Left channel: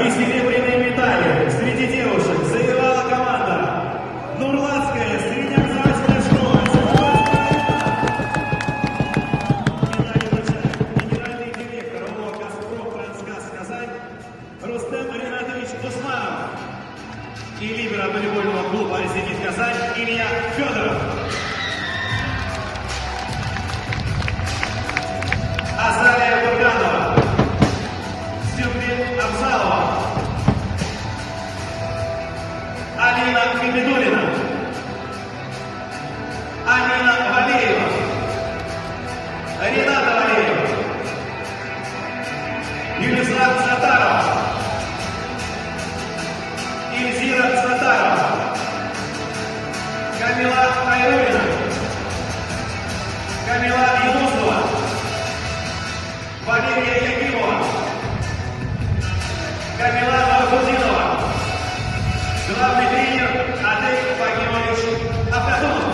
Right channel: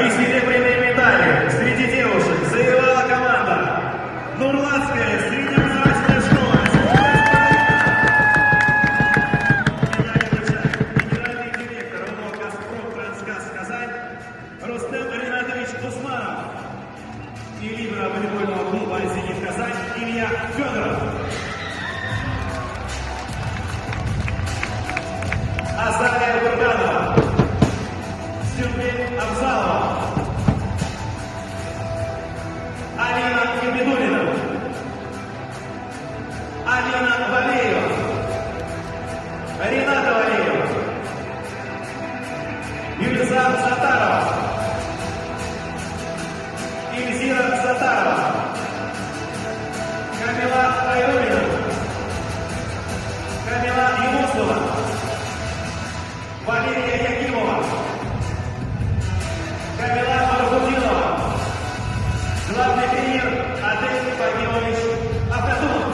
И серебряные медали среди девушек завоевала команда Нурлатская среднеобразовательная школа. Медали вручает генеральный директор ООО «Газпром-Трансгаз Казань» Рустем Ринатович Усманов и лидер волейбольного клуба «Зенит Казань» Илья Федоров. Азалия Бурганова, Сюмбин Абзалова, Алина Габидулина, Алина Валеева, Рената Валеева, Юлиза Сатарова, Ильзира Сатарова, Камила Айрулина, Камила Янусова, Валерия Якимова, Камила Мархудинова, главный тренер Адель Фагимович Абдатулов.